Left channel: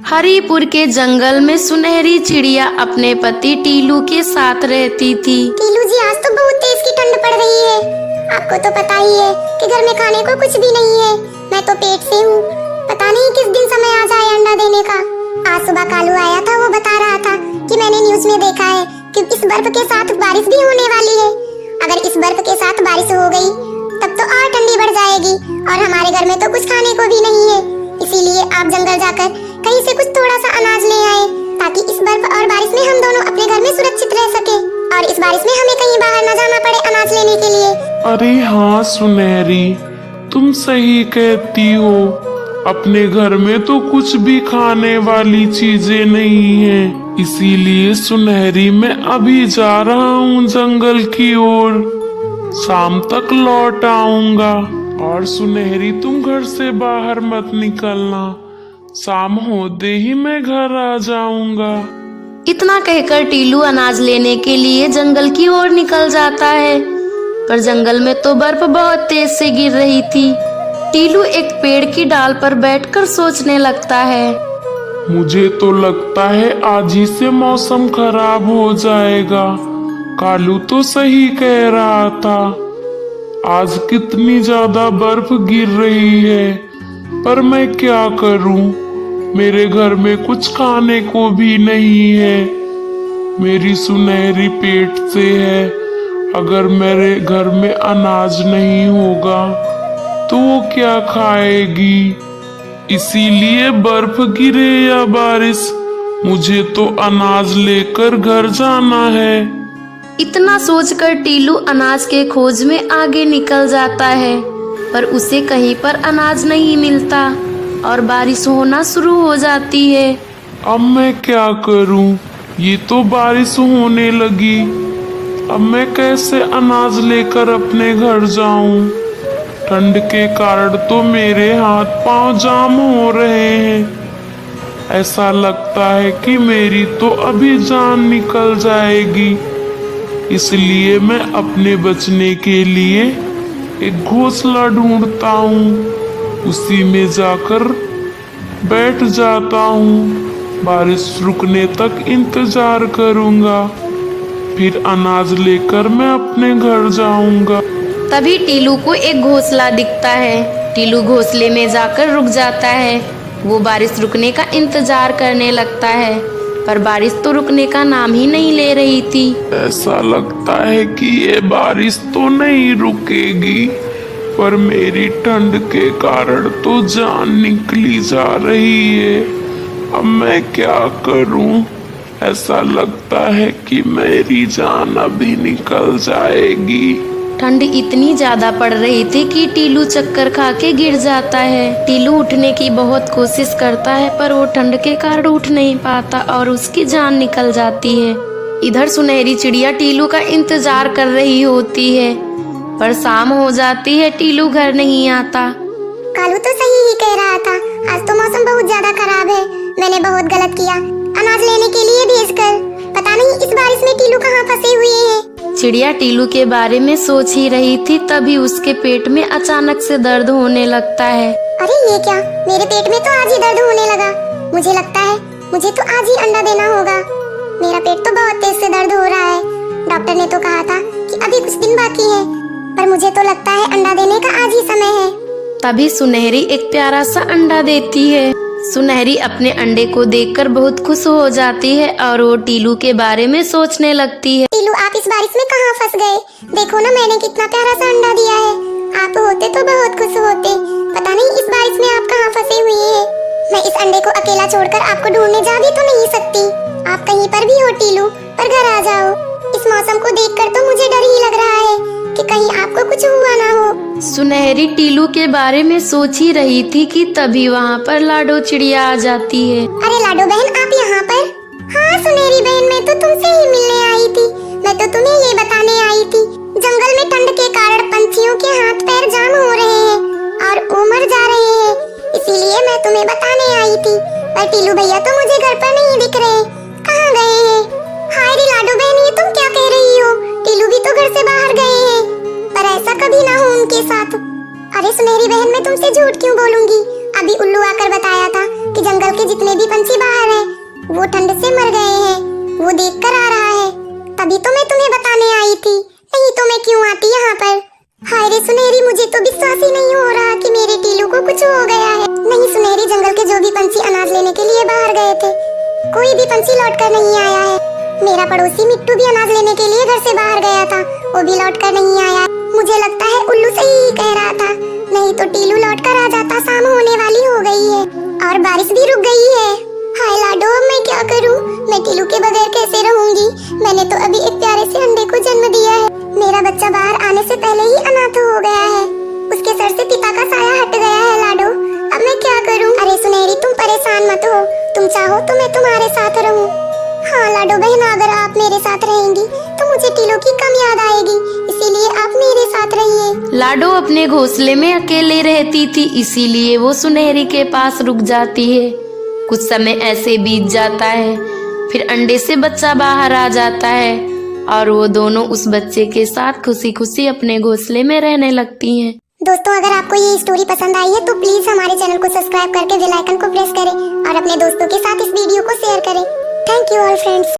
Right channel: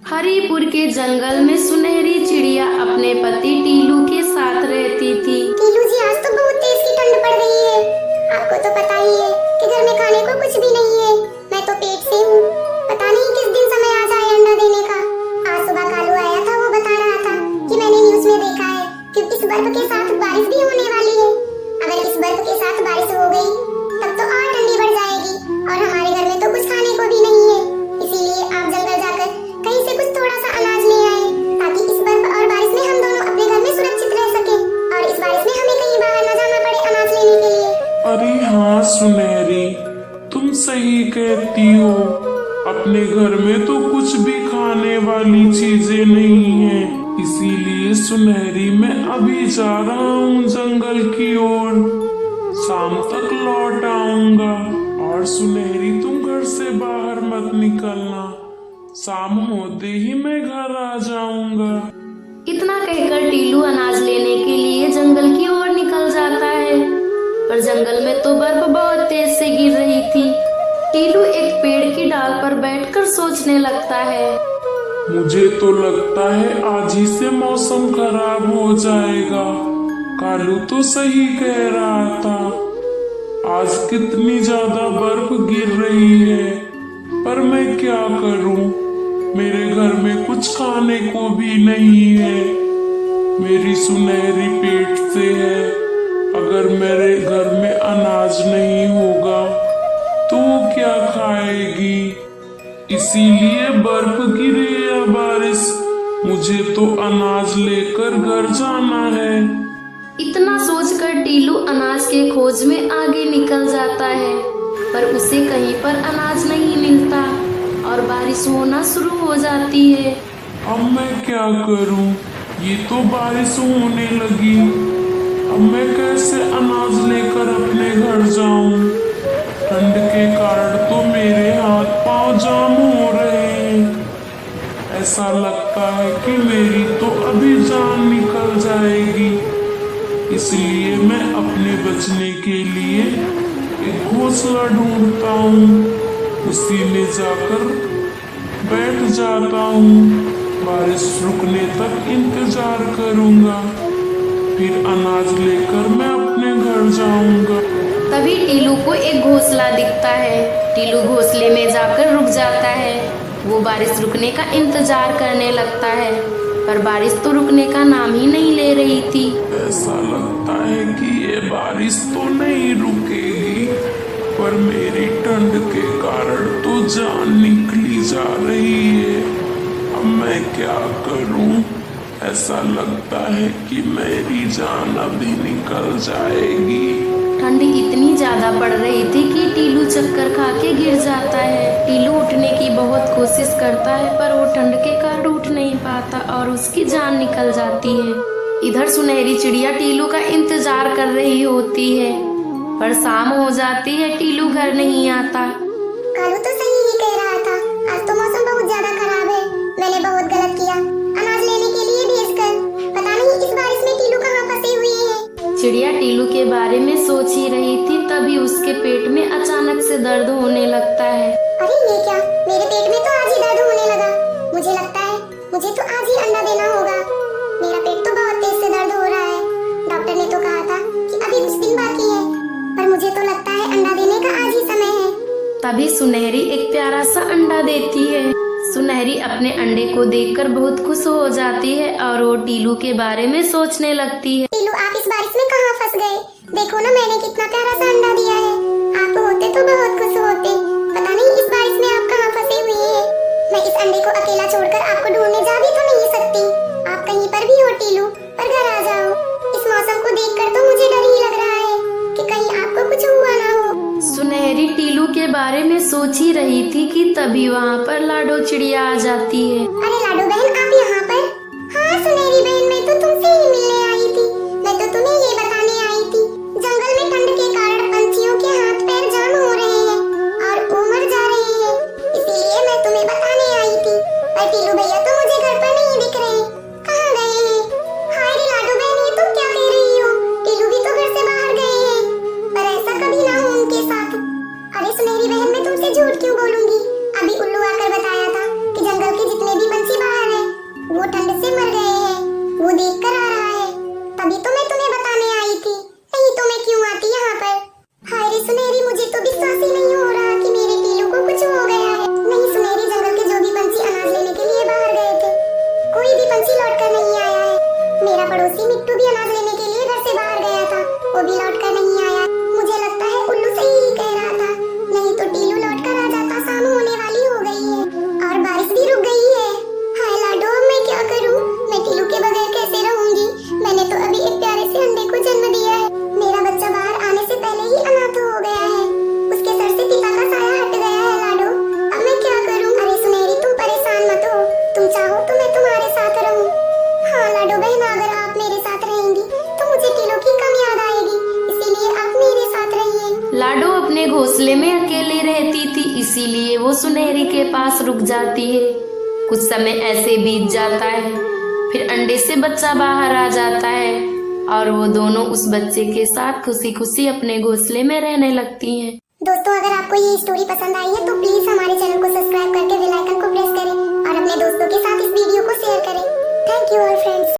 हरिपुर के जंगल में सुनहरी चिड़िया अपने पति टीलू के साथ रहती थी। टीलू जी, आज तो बहुत तेज की ठंड पड़ रही है। आपको तो पता ही है कि घर में खाने को कुछ भी नहीं है। मैं तो पेट से हूँ। पता नहीं किस दिन समय आ जाए अंडा देने का। आज सुबह कालू आया था, वो बता रहा था कि मैंने न्यूज में देखा है कि इस बर्फ के साथ बारिश भी होने वाली है। अगर इस बर्फ के साथ बारिश हो गई तब तो और ठंडी बढ़ जाएगी और हमारे घर में तो कुछ खाने को भी नहीं है। इसीलिए आप जंगल जाकर कहीं से कुछ थोड़ा सा अनाज ले आए ताकि इस बर्फ और बारिश में हम दोनों अपने घर में सुरक्षित रह सके और इस बारिश में हमें कहीं बाहर न जाना पड़े अनाज लेने के लिए। अरे हाँ सुनहरी, तुम सही कहती हो। अपने घर में तो कुछ भी खाने वाली चीजें नहीं है। इसीलिए सुनहरी मैं अभी जा रहा हूँ जंगल की ओर। शाम तक लौट आऊंगा। और सुनहरी, तुम घर से बाहर मत निकलना। शाम होते ही मैं घर आ जाऊंगा। इतना कहकर टीलू अनाज लेने के लिए जंगल की ओर निकल जाता है, पर जंगल में तो बर्फ बहुत तेज से गिर रही थी। टीलू एक पेड़ की डाल पर बैठकर सोचने लगता है। मुझे तो लगता है आज ही से मौसम खराब हो जाएगा। कालू तो सही कह रहा था। आज कितनी ज्यादा बर्फ गिर रही है, पर मैं क्या करूं? मेरे घर में कुछ खाने को भी नहीं है। मेरी सुनहरी पेट से है। अगर मेरे घर में अनाज नहीं होगा तो वो क्या खाएगी? इसीलिए बर्फ गिरे या बारिश, मुझे तो अनाज लेकर घर जाना है। इतना सोचकर टीलू अनाज के खोज में आगे निकल जाता है, पर उसे कहीं पर अनाज नहीं मिलता और बारिश होना शुरू हो जाती है। अब मैं क्या करूं? ये तो बारिश होने लगी। अब मैं कैसे अनाज लेकर अपने घर जाऊं? ठंड के कारण तो मेरे हाथ पांव जाम हो रहे हैं। ऐसा लगता है कि मेरी तो अभी जान निकल जाएगी। इसलिए मैं अपने बचने के लिए एक घोंसला ढूंढता हूँ। उसी में जाकर बैठ जाता हूँ। बारिश रुकने तक इंतजार करूँगा, फिर अनाज लेकर मैं अपने घर जाऊँगा। तभी टीलू को एक घोंसला दिखता है। टीलू घोंसले में जाकर रुक जाता है। वो बारिश रुकने का इंतजार करने लगता है, पर बारिश तो रुकने का नाम ही नहीं ले रही थी। ऐसा लगता है कि ये बारिश तो नहीं रुकेगी, पर मेरी ठंड के कारण तो जान निकली जा रही है। अब मैं क्या करूं? ऐसा लगता है कि मेरी जान अभी निकल जाएगी। ठंड इतनी ज्यादा पड़ रही थी कि टीलू चक्कर खा के गिर जाता है। टीलू उठने की बहुत कोशिश करता है, पर वो ठंड के कारण उठ नहीं पाता और उसकी जान निकल जाती है। इधर सुनहरी चिड़िया टीलू का इंतजार कर रही होती है, पर शाम हो जाती है। टीलू घर नहीं आता। कालू तो सही ही कह रहा था। आज तो मौसम बहुत ज्यादा खराब है। मैंने बहुत गलत किया अनाज लेने के लिए भेजकर। पता नहीं इस बारिश में टीलू कहाँ फंसे हुए हैं। चिड़िया टीलू के बारे में सोच ही रही थी, तभी उसके पेट में अचानक से दर्द होने लगता है। अरे ये क्या? मेरे पेट में तो आज ही दर्द होने लगा। मुझे लगता है मुझे तो आज ही अंडा देना होगा। मेरा पेट तो बहुत तेज से दर्द हो रहा है। डॉक्टर ने तो कहा था कि अभी कुछ दिन बाकी है, पर मुझे तो लगता है अंडा देने का आज ही समय है। तभी सुनहरी एक प्यारा सा अंडा देती है। सुनहरी अपने अंडे को देखकर बहुत खुश हो जाती है और वो टीलू के बारे में सोचने लगती है। टीलू, आप इस बारिश में कहाँ फंस गए? देखो ना, मैंने कितना प्यारा सा अंडा दिया है। आप होते तो बहुत खुश होते। पता नहीं इस बारिश में आप कहाँ फंसे हुए हैं। मैं इस अंडे को अकेला छोड़कर आपको ढूंढने जा भी तो नहीं सकती। आप कहीं पर भी हो टीलू, पर घर आ जाओ। इस मौसम को देखकर तो मुझे डर ही लग रहा है कि कहीं आपको कुछ हुआ ना हो। सुनहरी टीलू के बारे में सोच ही रही थी कि तभी वहाँ पर लाडो चिड़िया आ जाती है। अरे लाडो बहन, आप यहाँ पर? हाँ सुनहरी बहन, मैं तो तुमसे ही मिलने आई थी। मैं तो तुम्हें ये बताने आई थी, जंगल में ठंड के कारण पंछियों के हाथ पैर जाम हो रहे हैं और वो मर जा रहे हैं। इसीलिए मैं तुम्हें बताने आई थी। पर टीलू भैया तो मुझे घर पर नहीं दिख रहे। कहाँ गए हैं? हाय रे लाडो बहन, ये तुम क्या कह रही हो? टीलू भी तो घर से बाहर गए हैं, पर ऐसा कभी ना हो उनके साथ। अरे सुनहरी बहन, मैं तुमसे झूठ क्यों बोलूंगी? अभी उल्लू आकर बताया था कि जंगल के जितने भी पंछी भी पंछी लौट कर नहीं आया है। मेरा पड़ोसी मिट्टू भी अनाज लेने के लिए घर से बाहर गया था, वो भी लौट कर नहीं आया। मुझे लगता है उल्लू सही कह रहा था, नहीं तो टीलू लौट कर आ जाता। शाम होने वाली हो गई है और बारिश भी रुक गई है। हाय लाडो, अब मैं क्या करूं? मैं टीलू के बगैर कैसे रहूंगी? मैंने तो अभी एक प्यारे से अंडे को जन्म दिया है। मेरा बच्चा बाहर आने से पहले ही अनाथ हो गया है। उसके सर से पिता का साया हट गया है लाडो। अब मैं क्या करूं? अरे सुनहरी, तुम परेशान मत हो, तुम चाहो तो मैं तुम्हारे साथ रहूं। हाँ लाडो बहन, अगर आप मेरे साथ रहेंगी तो मुझे टीलू की कम याद आएगी, इसीलिए आप मेरे साथ रहिए। लाडो अपने घोंसले में अकेले रहती थी, इसीलिए वो सुनहरी के पास रुक जाती है। कुछ समय ऐसे बीत जाता है, फिर अंडे से बच्चा बाहर आ जाता है और वो दोनों उस बच्चे के साथ खुशी खुशी अपने घोंसले में रहने लगती हैं। दोस्तों, अगर आपको ये स्टोरी पसंद आई है तो प्लीज हमारे चैनल को सब्सक्राइब करके बेल आइकन को प्रेस करें और अपने दोस्तों के साथ इस वीडियो को शेयर करें। Thank you all friends.